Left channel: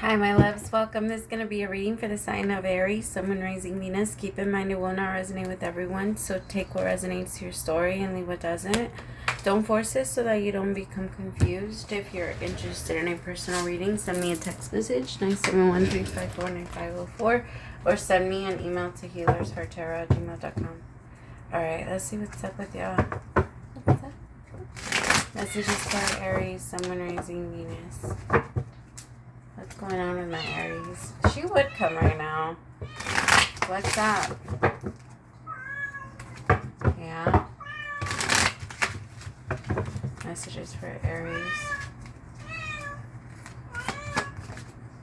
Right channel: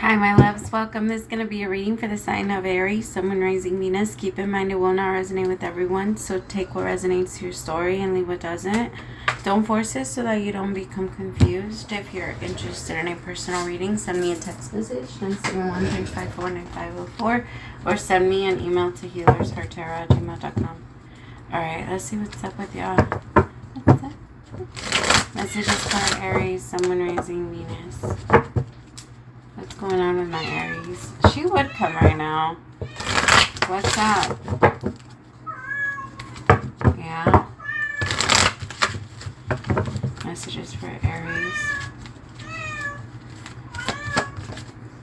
Hi, my loves. Welcome. This is going to be a reading for the sign of Aries, Sun, Moon, Rising, Venus. Keep in mind it will not resonate with everyone, so take what resonates to your story and leave what doesn't. Don't force it so that you don't become confused. If you're interested in a personal reading, send me a text message, 971-354-9504, or send me an email to HealersHeartTarot@gmail.com. Alright, let's see what's up with y'all. What's up? Messages for Aries, Sun, Moon, Rising, Venus. What's going on with my Aries? She would come right now. What's up? Yeah. Messages for Aries.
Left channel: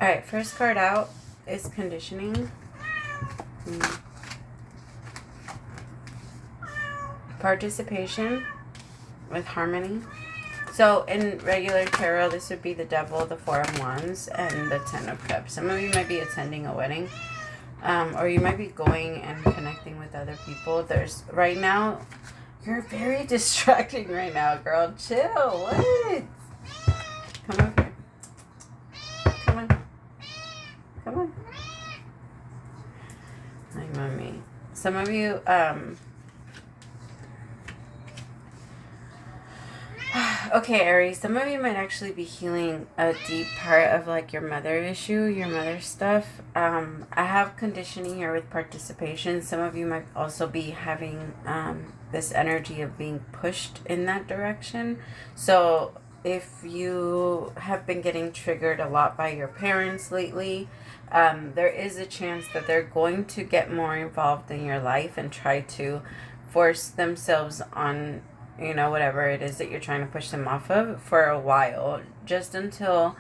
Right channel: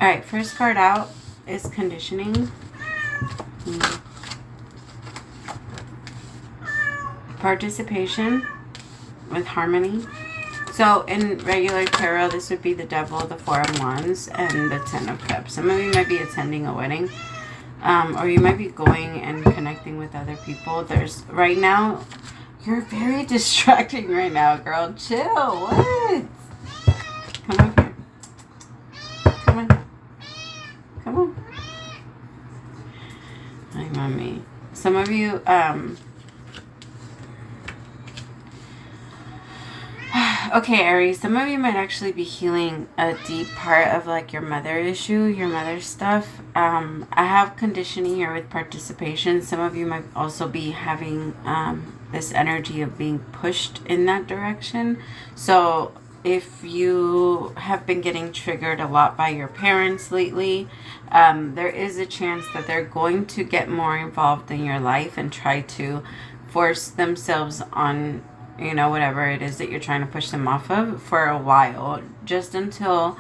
Alright, first card out is conditioning. Participation with harmony. So in regular tarot, this would be the Devil, the Four of Wands, and the Ten of Cups. Some of you might be attending a wedding, or you might be going and connecting with other people. Right now, you're very distracting right now, girl. Chill. What? Come up here. Come on. Come on. Hi, mommy. Some of you, okay, Aries, some of you might actually be healing a deep part of like your mother issue, your mother stuff. I have conditioning here with participation. Some of you might also be having this energy of being pushed in that direction. So if you have been getting triggered a lot by your parents lately, there is a chance that they're going to get more involved in your life and try to force themselves on, you know, whatever it is that you're trying to push them off of for a while, just until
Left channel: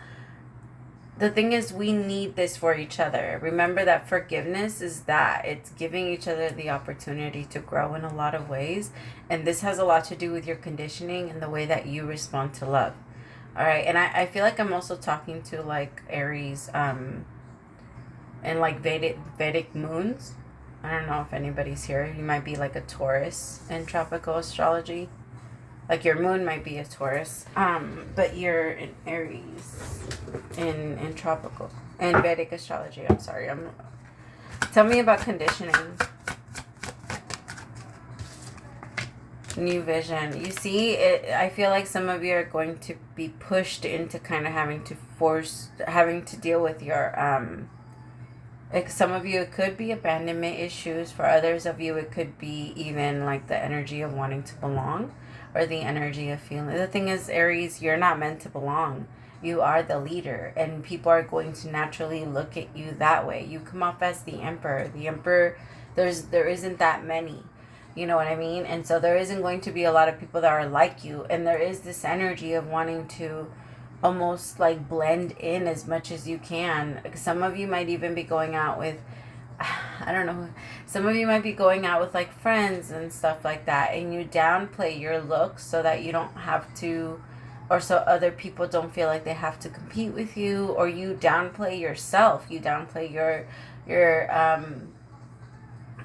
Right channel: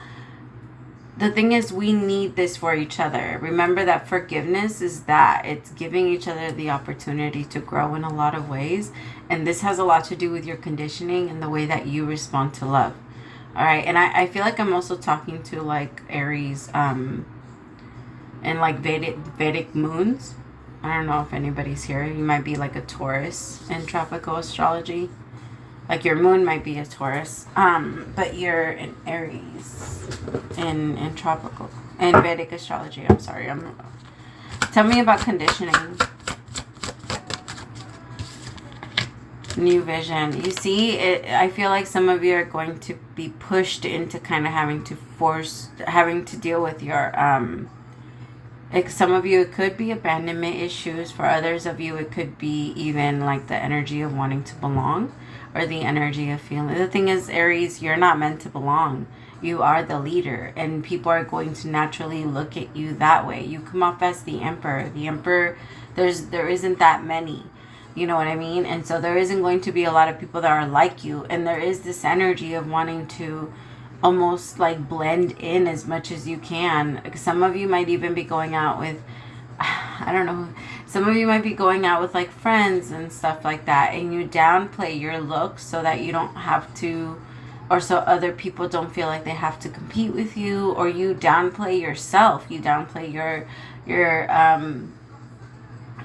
the thing is, we need this for each other. Remember that forgiveness is that it's giving each other the opportunity to grow in a lot of ways, and this has a lot to do with your conditioning and the way that you respond to love. All right, and I feel like I'm also talking to like Aries and like Vedic moons. I don't know if anybody's here. You might be like a Taurus in tropical astrology. Like your moon might be a Taurus, but you're in Aries in tropical, in Vedic astrology. I'm sorry. Tell me about conditioning. New vision. You see, I feel like some of you are going to be pushed into kind of having to deal with your, like some of you, it could be abandonment issues. For others of you, it could be even like the energy of wanting to belong, or the energy of feeling. The thing is, Aries, you're not meant to belong. You are the leader, and people are going to naturally look at you that way. You come off as the emperor. The emperor, there isn't that many. You know what I mean? And so there isn't going to be a lot of people that are like you. And there is this energy of wanting to almost like blend in as much as you can. Some of you might even be going out with, I don't know, some of you might be going out with like friends and stuff like that, and you downplay your looks so that you don't have to, or so other people don't feel like they have to compete with you, or you downplay yourself, you downplay your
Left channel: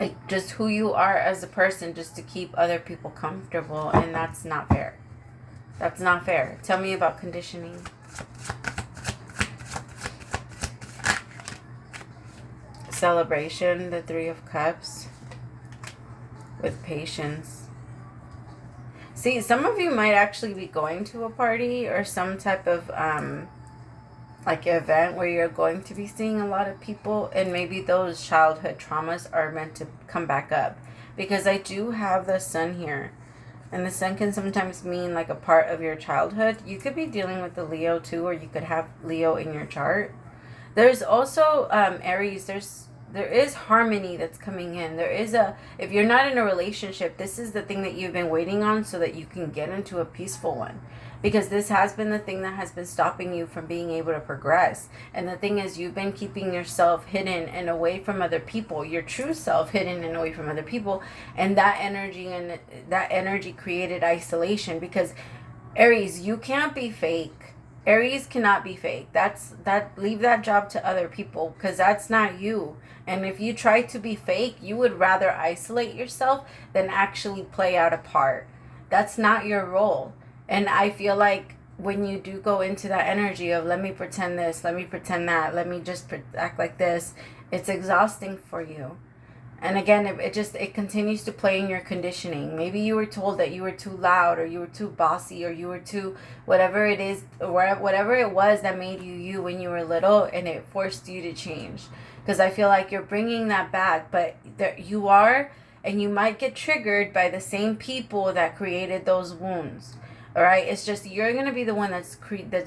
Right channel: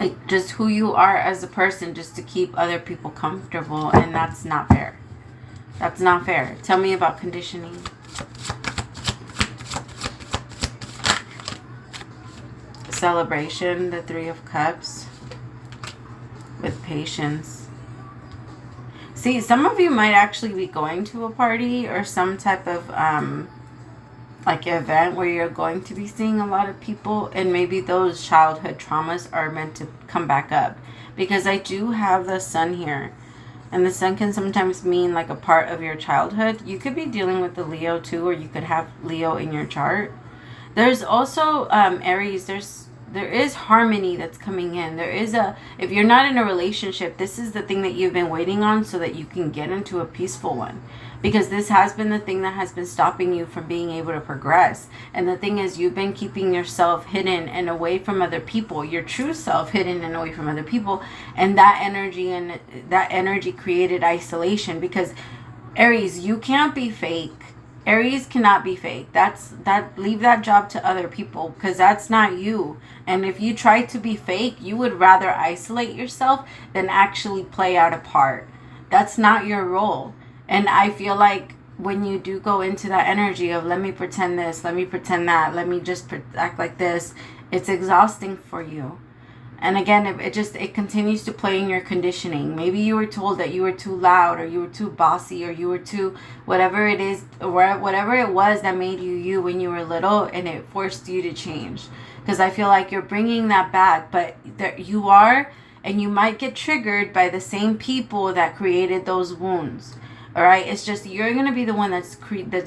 like just who you are as a person, just to keep other people comfortable, and that's not fair. That's not fair. Tell me about conditioning. Celebration, the Three of Cups, with patience. See, some of you might actually be going to a party or some type of like event where you're going to be seeing a lot of people, and maybe those childhood traumas are meant to come back up, because I do have the sun here, and the sun can sometimes mean like a part of your childhood. You could be dealing with the Leo too, or you could have Leo in your chart. There's also Aries, there is harmony that's coming in. If you're not in a relationship, this is the thing that you've been waiting on so that you can get into a peaceful one. Because this has been the thing that has been stopping you from being able to progress. And the thing is, you've been keeping yourself hidden and away from other people, your true self hidden and away from other people. And that energy created isolation, because Aries, you can't be fake. Aries cannot be fake. Leave that job to other people, because that's not you. And if you try to be fake, you would rather isolate yourself than actually play out a part. That's not your role. And I feel like when you do go into that energy of let me pretend this, let me pretend that, let me just act like this, it's exhausting for you. And again, it continues to play in your conditioning. Maybe you were told that you were too loud, or you were too bossy, or you were too whatever it is, or whatever it was that made you you when you were little, and it forced you to change. Because I feel like you're bringing that back, but there you are, and you might get triggered by the same people that created those wounds. All right, it's just you're gonna be the one that's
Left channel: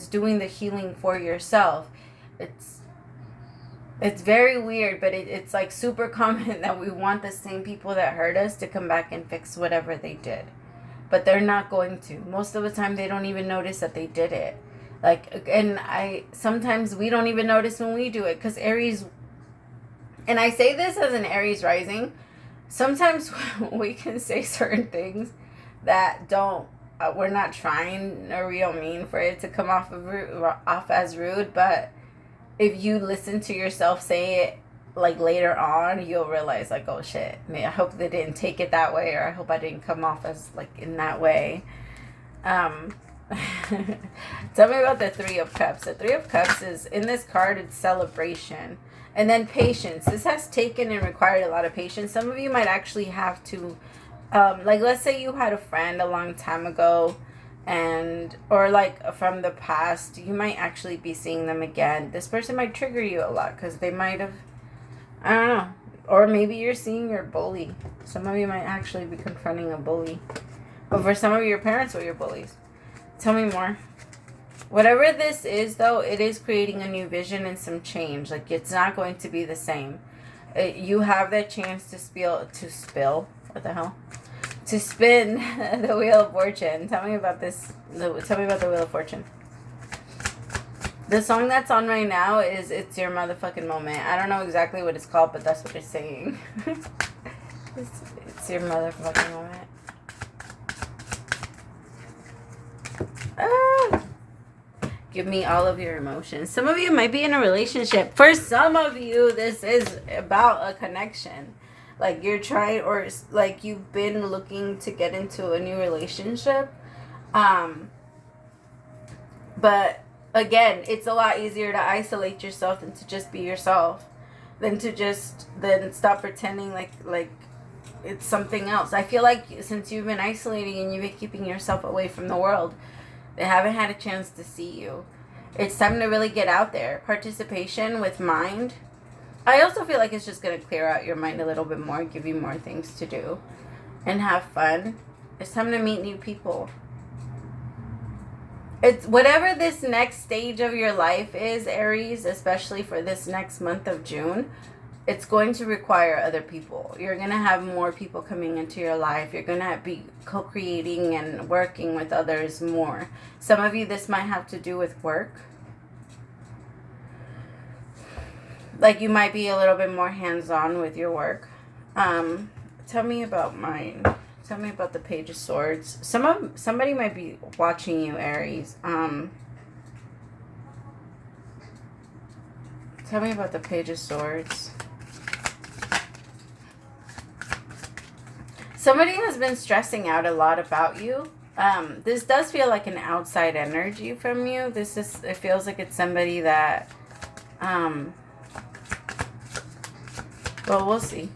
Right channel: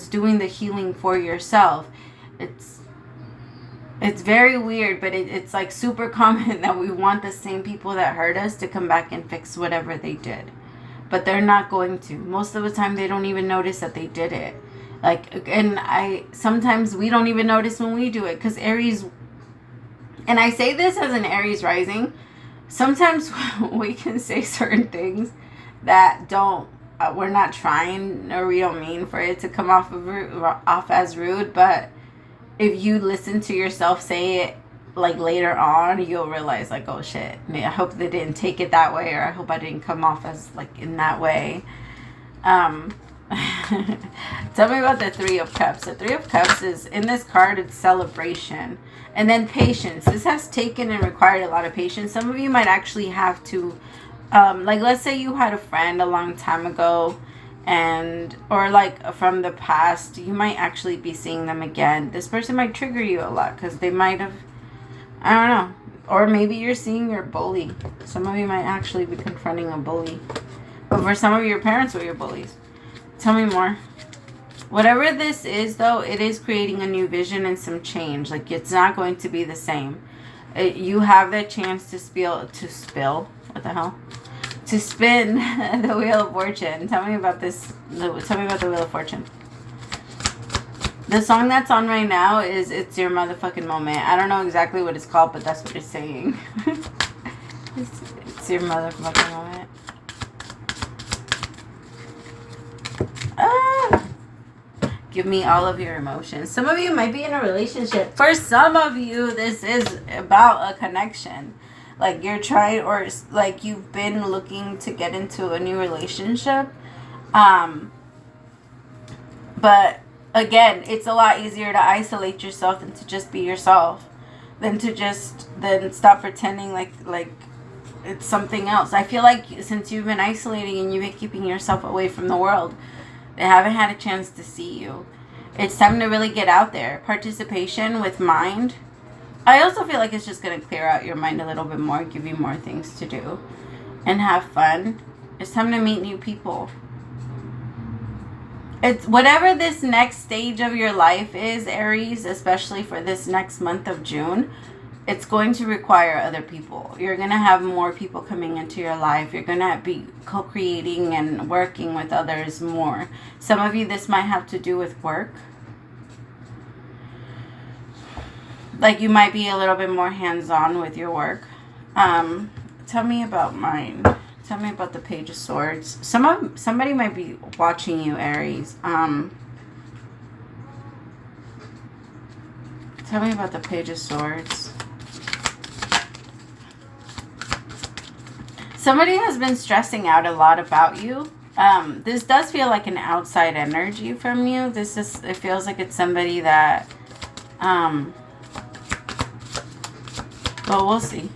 doing the healing for yourself. It's very weird, but it's like super common that we want the same people that hurt us to come back and fix whatever they did. But they're not going to. Most of the time, they don't even notice that they did it. Like, and sometimes we don't even notice when we do it, because Aries, and I say this as an Aries rising, sometimes we can say certain things that we're not trying, or we don't mean for it to come off as rude, but if you listen to yourself say it like later on, you'll realize like, oh shit, I hope they didn't take it that way, or I hope I didn't come off as like in that way. Tell me about the Three of Cups. The Three of Cups is, in this card, it's celebration. And then patience. This has taken and required a lot of patience. Some of you might actually have to, like let's say you had a friend a long time ago, or like from the past, you might actually be seeing them again. This person might trigger you a lot because they might have, I don't know, or maybe you're seeing your bully. Some of you might actually be confronting a bully, but for some of your parents were your bullies. Tell me more. Whatever this is, though, it is creating a new vision and some change. Like, it's not going to be the same. You have that chance to spill. What the hell? To spin the Wheel of Fortune. Tell me about this. Tell me about the Wheel of Fortune. The song that's on right now is It's Your Motherfucking Moment. I don't know exactly what it's called, but that's what it's saying. It's your motherfucking moment. Give me all of your emotions. Some of you might be in a relationship. For some of you, this is about a connection. Like you're trying, or like you've been looking to get into a new relationship. But again, it's a lot easier to isolate yourself than to just be yourself. Then stop pretending like it's something else. I feel like since you've been isolating and you've been keeping yourself away from the world, they haven't had a chance to see you. It's time to really get out there. Participation with mind. I also feel like it's just going to clear out your mind a little bit more, give you more things to do, and have fun. It's time to meet new people. It's whatever this next stage of your life is, Aries, especially for this next month of June, it's going to require other people. You're going to have more people coming into your life. You're going to be co-creating and working with others more. Some of you, this might have to do with work. Like you might be a little bit more hands-on with your work. Tell me about mine. Tell me about the Page of Swords. Somebody might be watching you, Aries. Tell me about the Page of Swords. Somebody has been stressing out a lot about you. This does feel like an outside energy from you. It feels like it's somebody that, well, we'll see.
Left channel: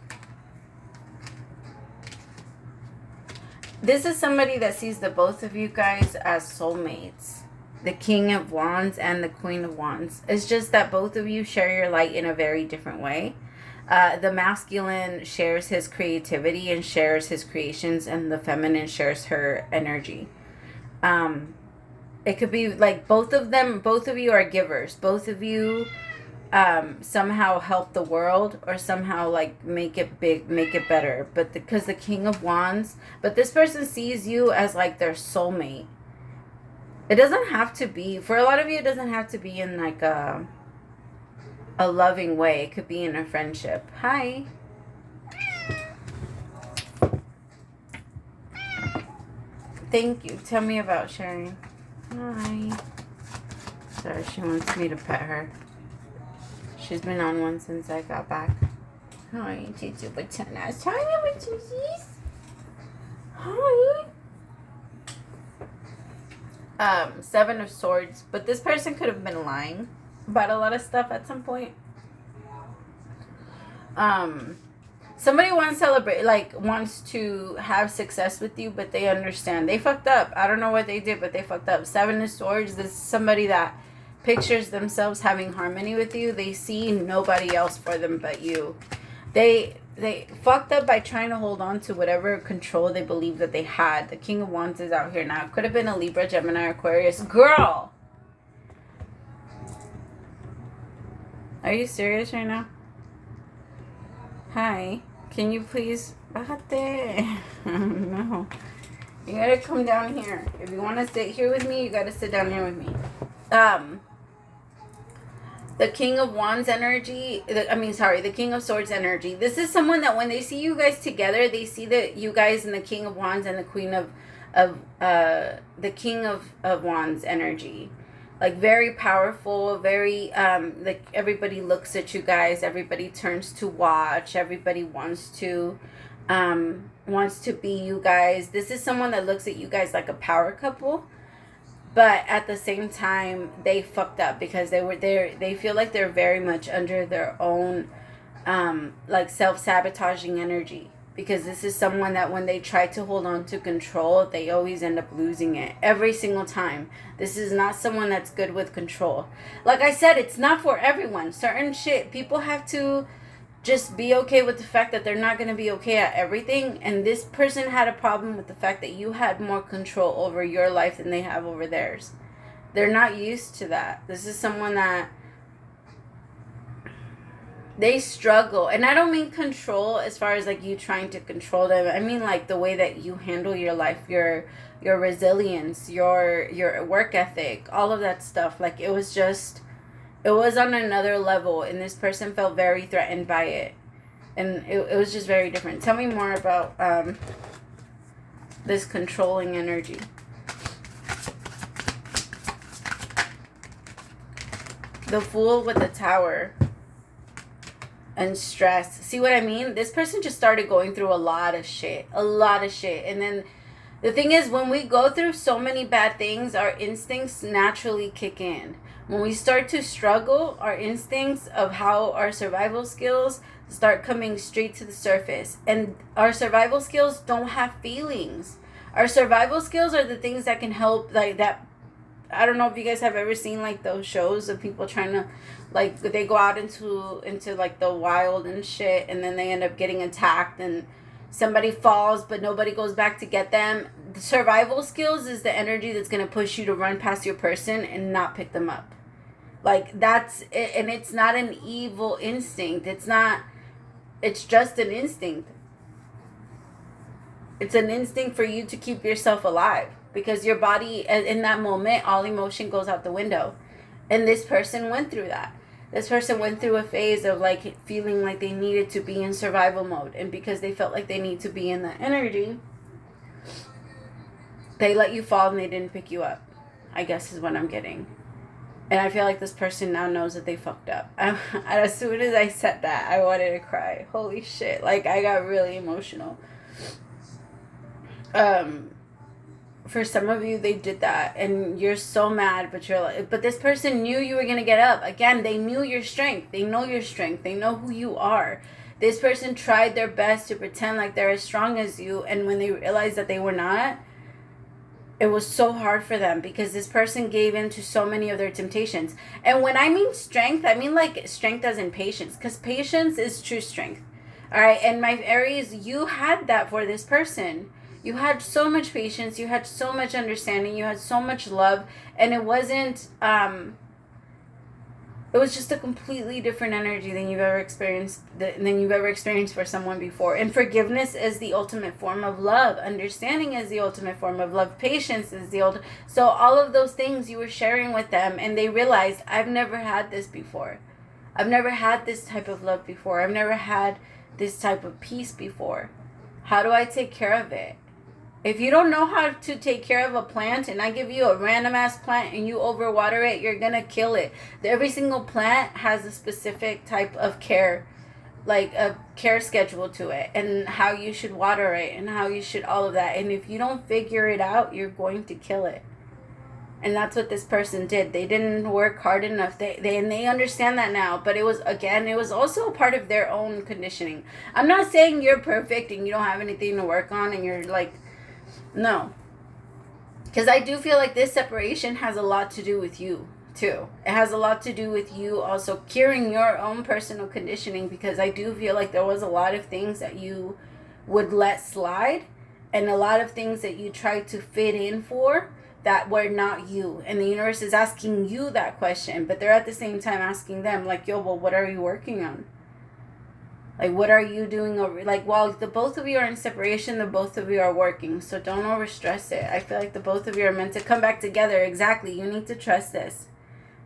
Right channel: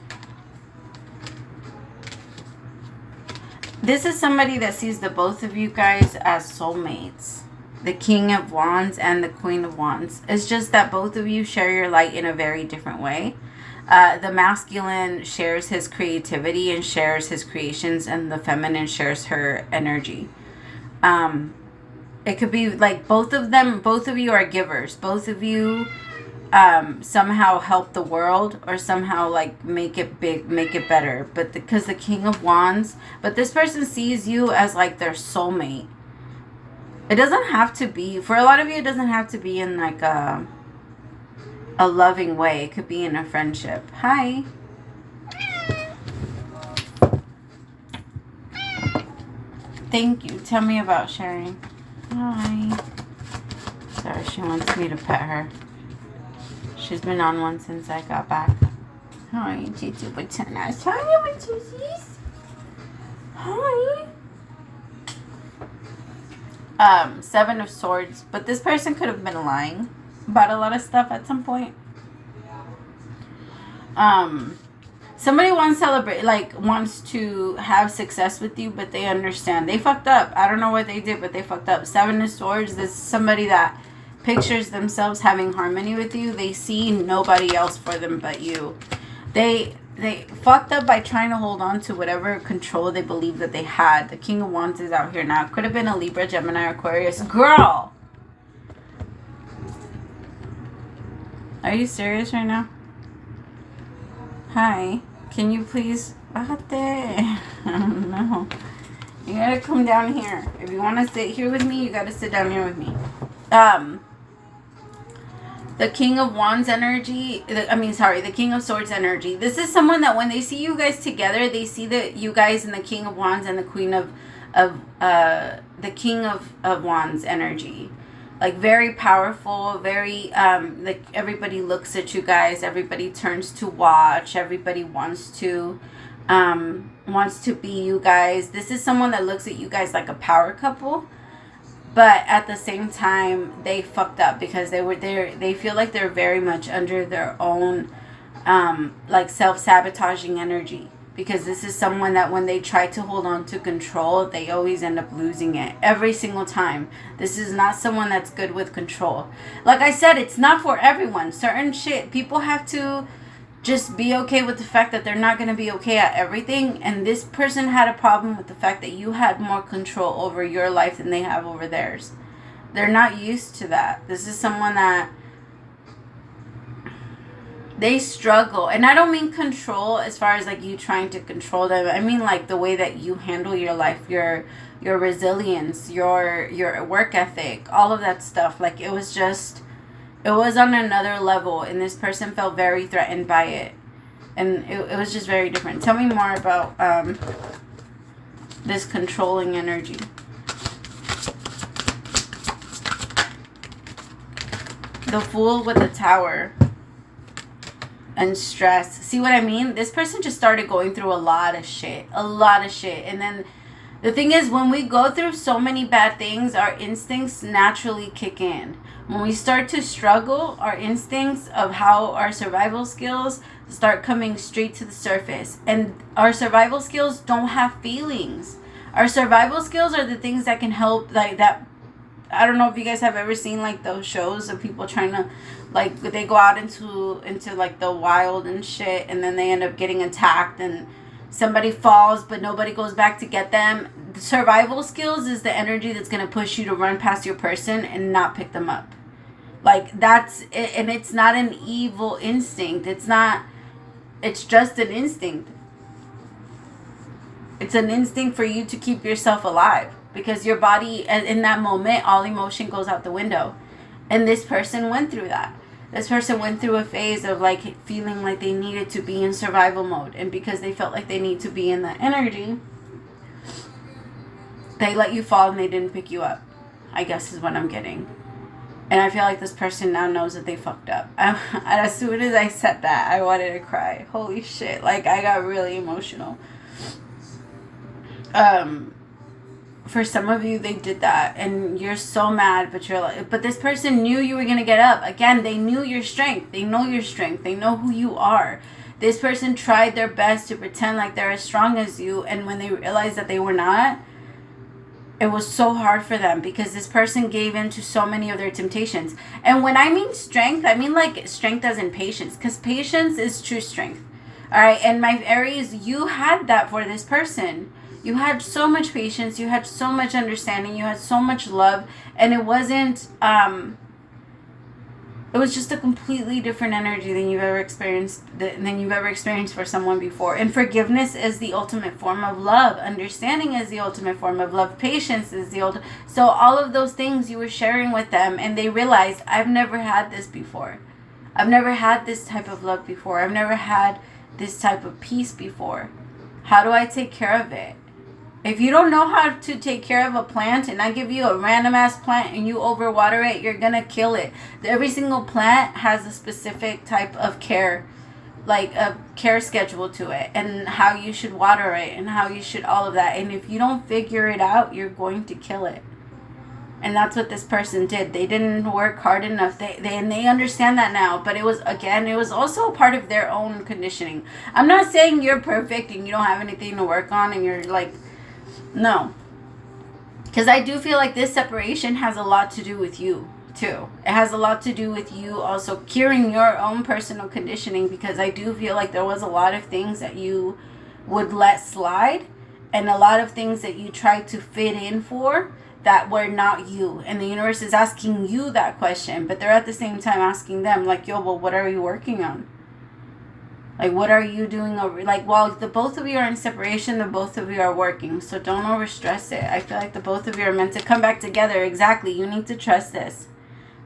This is somebody that sees the both of you guys as soulmates. The King of Wands and the Queen of Wands. It's just that both of you share your light in a very different way. The masculine shares his creativity and shares his creations, and the feminine shares her energy. It could be like both of you are givers. Both of you somehow help the world, or somehow like make it big, make it better. But because the King of Wands, but this person sees you as like their soulmate. It doesn't have to be, for a lot of you, it doesn't have to be in like a loving way. It could be in a friendship. Hi. Thank you. Tell me about sharing. Hi. Sorry, she wants me to pet her. She's been on one since I got back. Hi, Titi Batanas. Hi, Batanas. Hi. Seven of Swords. But this person could have been lying about a lot of stuff at some point. Somebody wants to celebrate, like, wants to have success with you, but they understand. They fucked up. I don't know what they did, but they fucked up. Seven of Swords, this is somebody that pictures themselves having harmony with you. They see nobody else for them but you. They fucked up by trying to hold on to whatever control they believe that they had. The King of Wands is out here now. Could have been a Libra, Gemini, or Aquarius. Girl! Are you serious right now? Hi. Can you please... Bájate. No. You gotta come down here. If you want to sit here with me, you gotta sit down here with me. The King of Wands energy, the King of Swords energy. This is someone that when they see you guys together, they see that you guys and the King of Wands and the Queen of the King of Wands energy. Like, very powerful, very, like, everybody looks at you guys, everybody turns to watch, everybody wants to be you guys. This is someone that looks at you guys like a power couple. But at the same time, they fucked up because they feel like they're very much under their own, like, self-sabotaging energy. Because this is someone that when they try to hold on to control, they always end up losing it. Every single time. This is not someone that's good with control. Like I said, it's not for everyone. Certain shit, people have to just be okay with the fact that they're not going to be okay at everything. And this person had a problem with the fact that you had more control over your life than they have over theirs. They're not used to that. This is someone that they struggle. And I don't mean control as far as like you trying to control them. I mean like the way that you handle your life, your resilience, your work ethic, all of that stuff. Like it was on another level, and this person felt very threatened by it. And it was just very different. Tell me more about this controlling energy. The Fool with the Tower. And stress. See what I mean? This person just started going through a lot of shit. And then the thing is, when we go through so many bad things, our instincts naturally kick in. When we start to struggle, our instincts of how our survival skills start coming straight to the surface. And our survival skills don't have feelings. Our survival skills are the things that can help, like that. I don't know if you guys have ever seen like those shows of people trying to, like, they go out into like the wild and shit, and then they end up getting attacked and somebody falls but nobody goes back to get them. The survival skills is the energy that's going to push you to run past your person and not pick them up. Like, that's it. And it's not an evil instinct. It's just an instinct. It's an instinct for you to keep yourself alive. Because your body, in that moment, all emotion goes out the window. And this person went through that. This person went through a phase of, like, feeling like they needed to be in survival mode. And because they felt like they need to be in that energy, they let you fall and they didn't pick you up, I guess is what I'm getting. And I feel like this person now knows that they fucked up. And as soon as I said that, I wanted to cry. Holy shit. Like, I got really emotional. For some of you, they did that, and you're so mad, but you're like, but this person knew you were going to get up. Again, they knew your strength. They know your strength. They know who you are. This person tried their best to pretend like they're as strong as you, and when they realized that they were not, it was so hard for them because this person gave in to so many of their temptations. And when I mean strength, I mean like strength as in patience, because patience is true strength. All right, and my Aries, you had that for this person. You had so much patience, you had so much understanding, you had so much love, and it wasn't, it was just a completely different energy than you've ever experienced for someone before. And forgiveness is the ultimate form of love. Understanding is the ultimate form of love. Patience is the ultimate. So all of those things you were sharing with them, and they realized, I've never had this before. I've never had this type of love before. I've never had this type of peace before. How do I take care of it? If you don't know how to take care of a plant, and I give you a random ass plant and you overwater it, you're gonna kill it. Every single plant has a specific type of care, like a care schedule to it, and how you should water it and how you should all of that. And if you don't figure it out, you're going to kill it. And that's what this person did. They didn't work hard enough. They understand that now. But it was, again, it was also a part of their own conditioning. I'm not saying you're perfect and you don't have anything to work on and you're like, no. Because I do feel like this separation has a lot to do with you, too. It has a lot to do with you also curing your own personal conditioning, because I do feel like there was a lot of things that you would let slide and a lot of things that you tried to fit in for that were not you. And the universe is asking you that question, but they're at the same time asking them, like, yo, well, what are you working on? Like, what are you doing over, like, while the both of you are in separation, the both of you are working. So don't overstress it. I feel like the both of you are meant to come back together. Exactly. You need to trust this.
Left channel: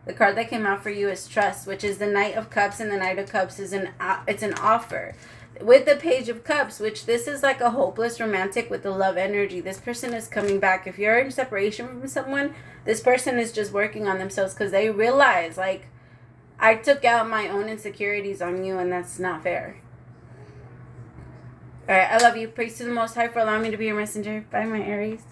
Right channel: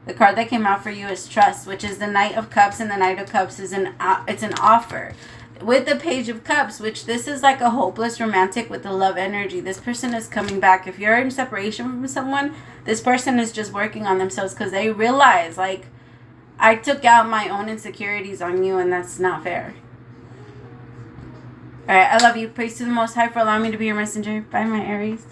The card that came out for you is trust, which is the Knight of Cups, and the Knight of Cups is it's an offer. With the Page of Cups, which this is like a hopeless romantic with the love energy. This person is coming back. If you're in separation from someone, this person is just working on themselves because they realize, like, I took out my own insecurities on you and that's not fair. All right, I love you. Praise to the Most High for allowing me to be your messenger. Bye, my Aries.